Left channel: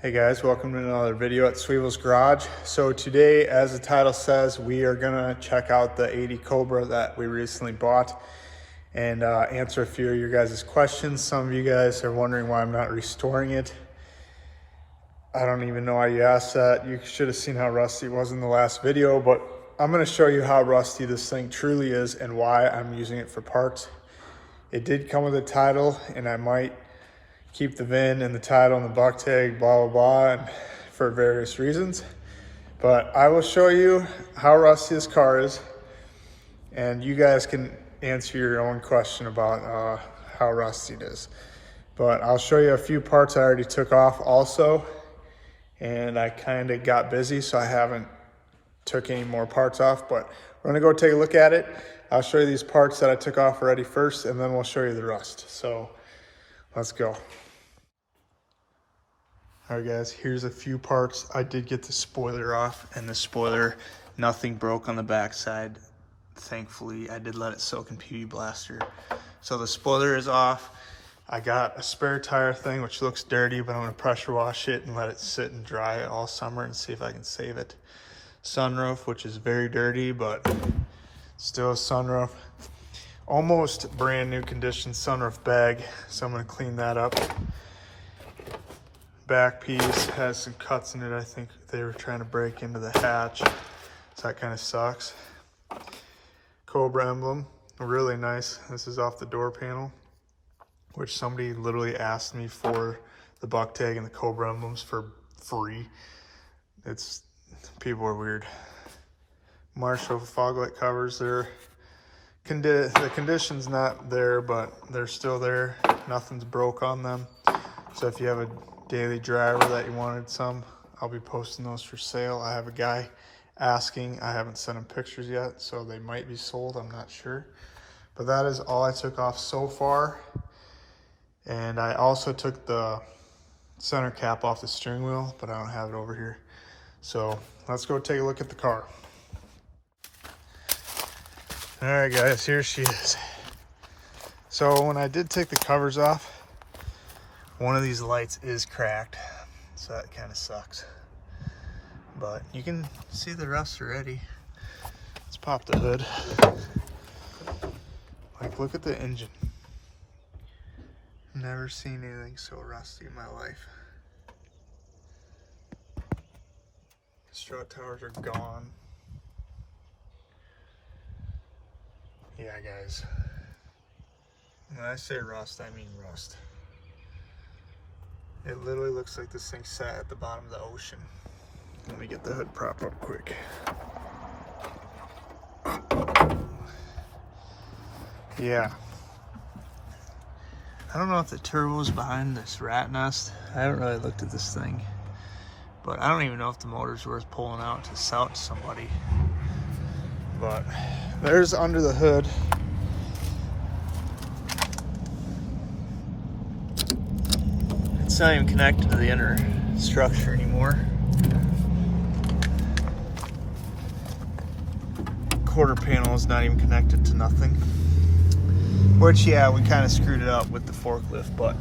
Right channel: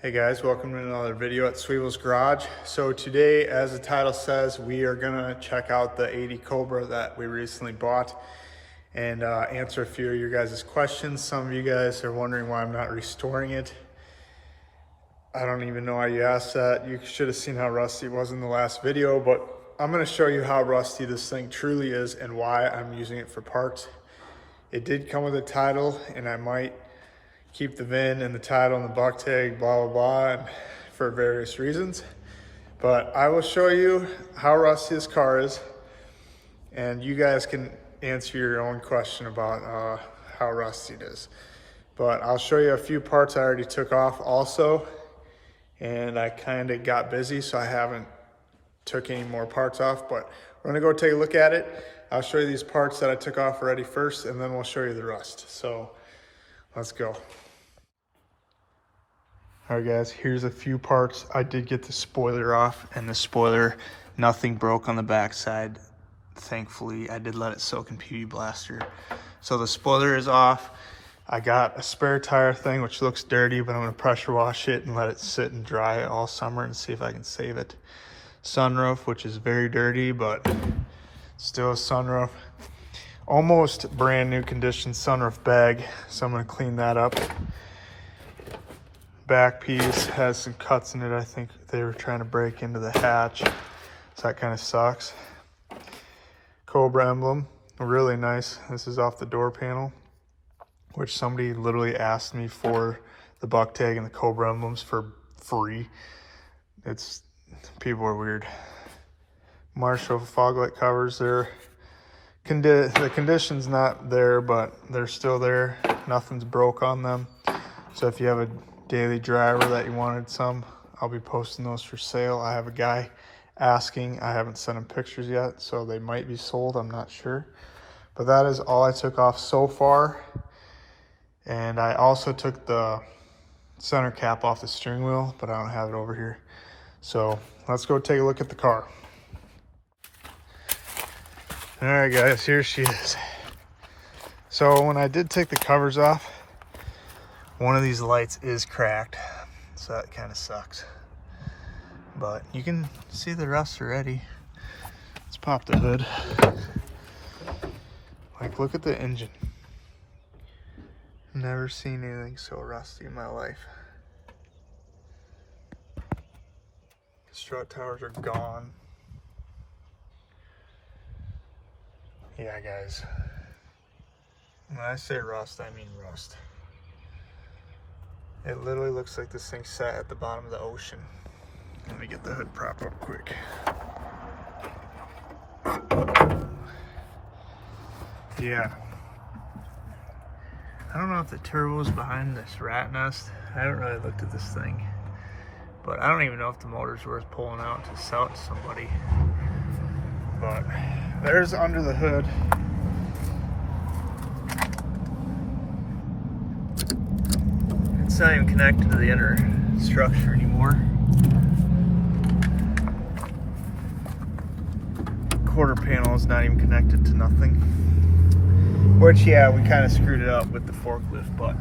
Hey guys, welcome to another video at Sweevel's Garage. So today, as the title says, we are gonna check out the 80 Cobra that we recently bought and answer a few of your guys' questions. Some of you guys are wondering why I'm not restoring it. I don't even know why you asked that. You should have seen how rusty it was in the last video, but I'm gonna show you how rusty this thing truly is and why I'm using it for parts. It did come with a title, and I might keep the VIN and the title and the buck tag, blah, blah, blah, and for various reasons. But I will show you how rusty this car is, and you guys can answer your own question about how rusty it is. But I'll show you a few parts I already took off also, and I kind of got busy, so I haven't took any more parts off, but we're gonna go take a look at it. I'll show you these parts that I took off already first, and then we'll show you the rust. So let's go. All right guys, here's a few parts. I did get the spoiler off, and the spoiler, nothing broke on the backside. Thankfully, I did let it soak in PB Blaster. So the spoiler is off. I got a spare tire thing, which looks dirty, but I'm gonna pressure wash it and let it sit and dry all summer and see if I can save it. Sunroof, which is very dirty, but still a sunroof. Almost brand new condition sunroof bag, so I'm gonna clean that up. Back piece has some cuts in it. I think they were trying to break into the hatch, so that kind of sucks. Cobra emblem, really nice. This is off the door panel, which somebody literally asked me for the buck tag and the Cobra emblems for free. People are weird. Marshall fog light covers, the condition's not there, but they're still there. Nothing's broke on them. So if you have a daily driver that you wanted some, I'll be posting those for sale. I have a guy asking. I haven't sent him pictures yet, so they might be sold, I'm not sure. But that is all I took off so far. And I also took the center cap off the steering wheel, but I don't have it over here. So let's go take a look at the car. All right guys, here she is. So when I did take the covers off, one of these lights is cracked, so that kind of sucks. But you can see the rust already. Let's pop the hood. Like, look at the engine. Never seen anything so rusty in my life. Strut towers are gone. Yeah, guys. When I say rust, I mean rust. It literally looks like this thing sat at the bottom of the ocean. Let me get the hood propped up quick. Yeah. I don't know if the turbo is behind this rat nest. I haven't really looked at this thing. But I don't even know if the motor's worth pulling out to sell it to somebody. But there's under the hood. It's not even connected to the inner structure anymore. Quarter panel is not even connected to nothing. Which, yeah, we kind of screwed it up with the forklift, but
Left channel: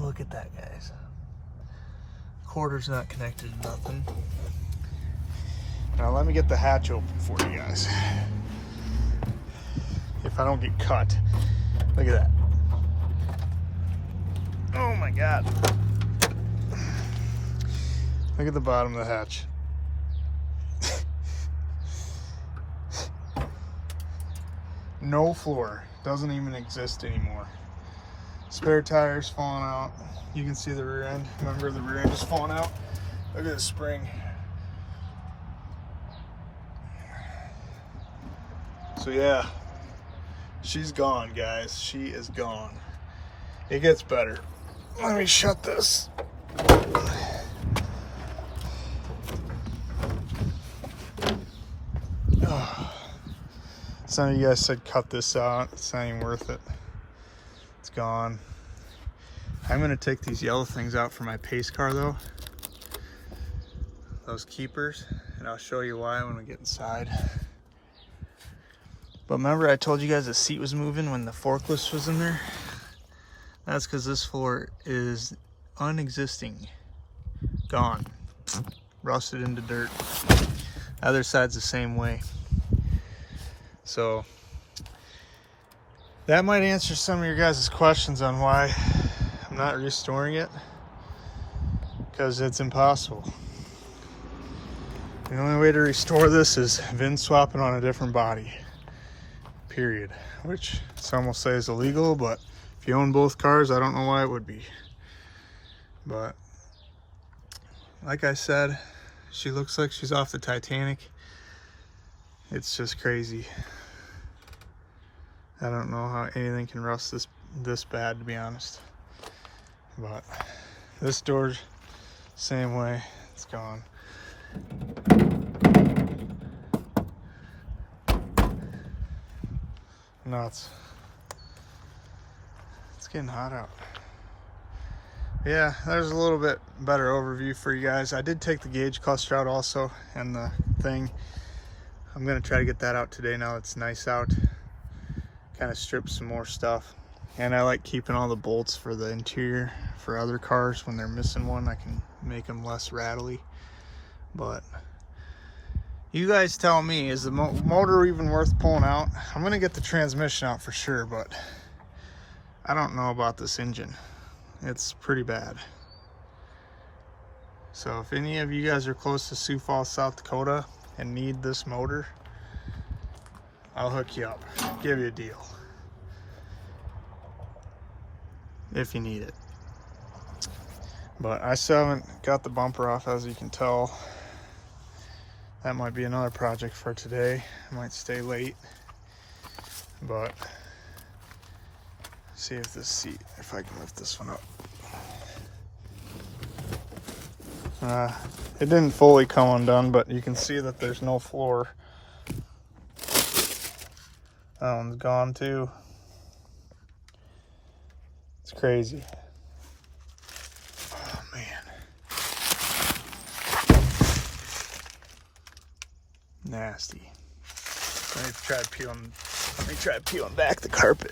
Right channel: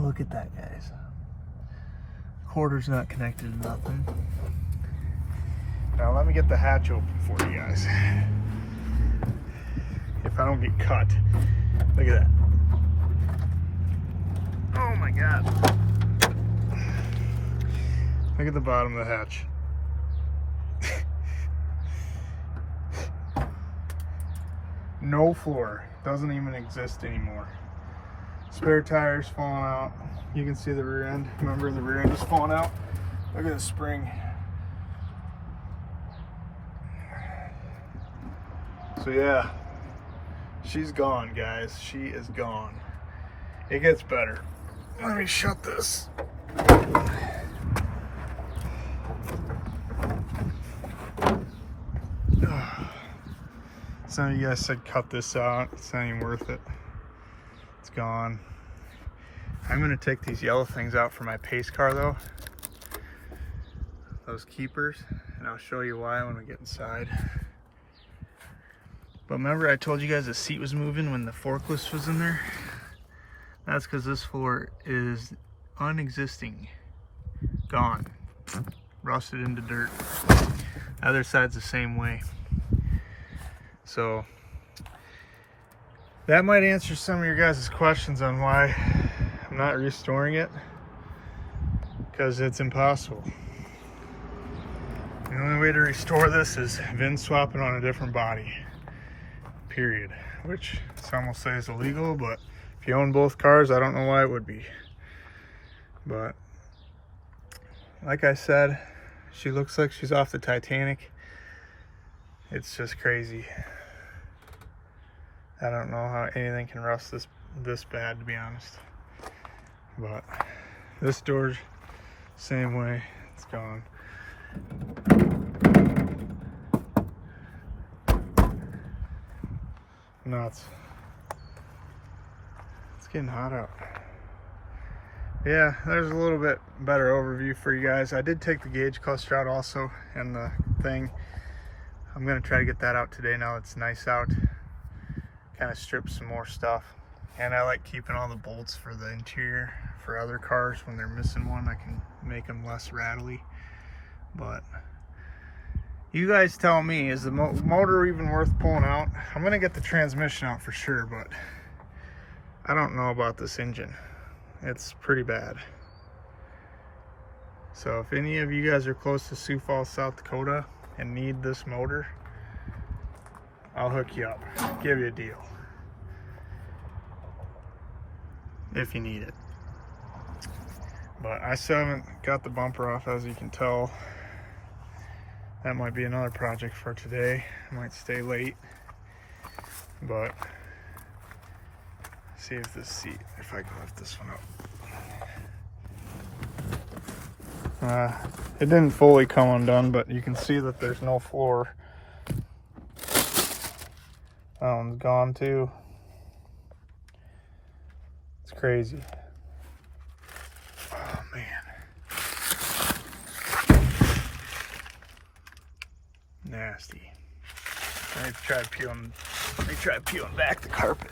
look at that, guys. Quarter's not connected to nothing. Now let me get the hatch open for you guys. If I don't get cut. Look at that. Oh my God. Look at the bottom of the hatch. No floor. Doesn't even exist anymore. Spare tires falling out. You can see the rear end. Remember, the rear end is falling out. Look at the spring. So yeah, she's gone, guys. She is gone. It gets better. Let me shut this. Some of you guys said cut this out. It's not even worth it. It's gone. I'm gonna take these yellow things out for my pace car though. Those keepers, and I'll show you why when we get inside. But remember I told you guys the seat was moving when the forklift was in there? That's because this floor is unexisting, gone, rusted into dirt. Other side's the same way. So that might answer some of your guys' questions on why I'm not restoring it, because it's impossible. The only way to restore this is VIN swapping on a different body, period. Which some will say is illegal, but if you own both cars, I don't know why it would be. But like I said, she looks like she's off the Titanic. It's just crazy. I don't know how anything can rust this bad, to be honest. But this door, same way, it's gone. Nuts. It's getting hot out. Yeah, there's a little bit better overview for you guys. I did take the gauge cluster out also, and the thing. I'm gonna try to get that out today now it's nice out. Kind of strip some more stuff. And I like keeping all the bolts for the interior for other cars. When they're missing one, I can make them less rattly. But you guys tell me, is the motor even worth pulling out? I'm gonna get the transmission out for sure, but I don't know about this engine. It's pretty bad. So if any of you guys are close to Sioux Falls, South Dakota and need this motor, I'll hook you up, give you a deal if you need it. But I still haven't got the bumper off, as you can tell. That might be another project for today. I might stay late, but see if this seat, if I can lift this one up. It didn't fully come undone, but you can see that there's no floor. That one's gone too. It's crazy. Oh man. Nasty. Let me try peeling back the carpet.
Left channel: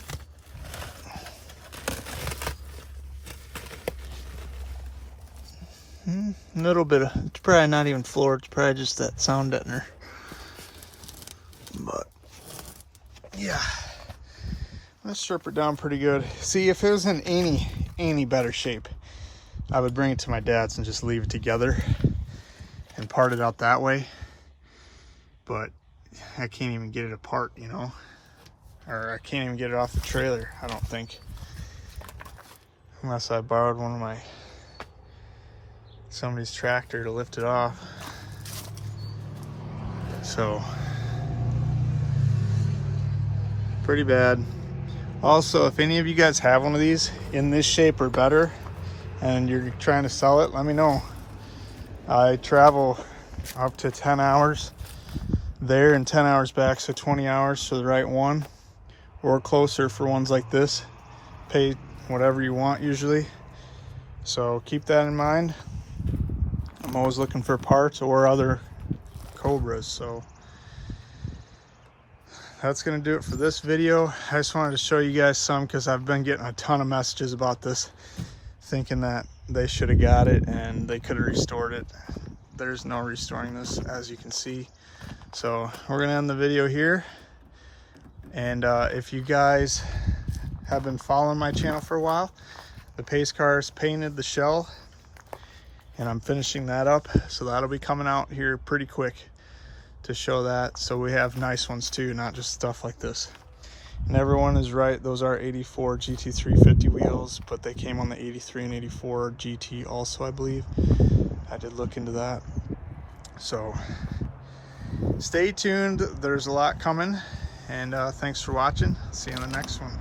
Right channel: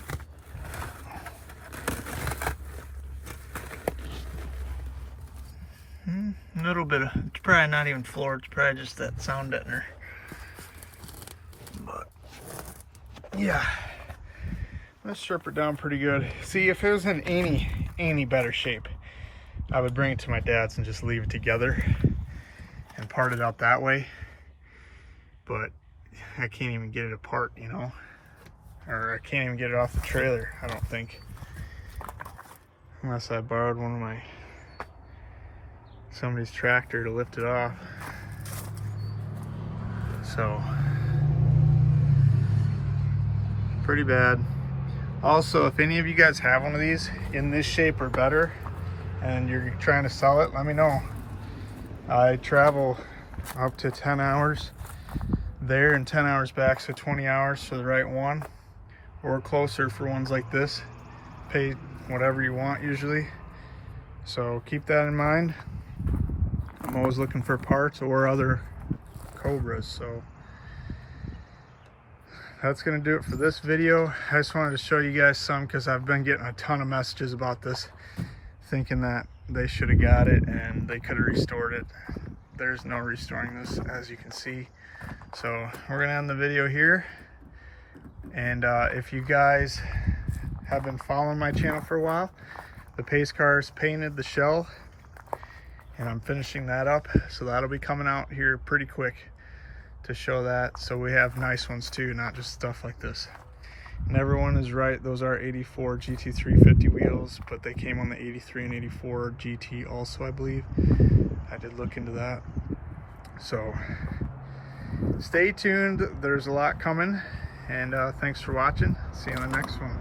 A little bit of, it's probably not even floor, it's probably just that sound deadener. But yeah, let's strip it down pretty good. See, if it was in any better shape, I would bring it to my dad's and just leave it together and part it out that way. But I can't even get it apart, you know, or I can't even get it off the trailer, I don't think, unless I borrowed one of somebody's tractor to lift it off. So pretty bad. Also, if any of you guys have one of these in this shape or better and you're trying to sell it, let me know. I travel up to 10 hours there and 10 hours back, so 20 hours for the right one, or closer for ones like this. Pay whatever you want usually, so keep that in mind. I'm always looking for parts or other Cobras. So that's gonna do it for this video. I just wanted to show you guys some, because I've been getting a ton of messages about this, thinking that they should have got it and they could have restored it. There's no restoring this, as you can see. So we're gonna end the video here. And if you guys have been following my channel for a while, the pace cars painted the shell, and I'm finishing that up, so that'll be coming out here pretty quick to show that. So we have nice ones too, not just stuff like this. And everyone is right, those are 84 GT350 wheels, but they came on the 83 and 84 GT also, I believe. I did look into that. So stay tuned, there's a lot coming, and thanks for watching. See you in the next one.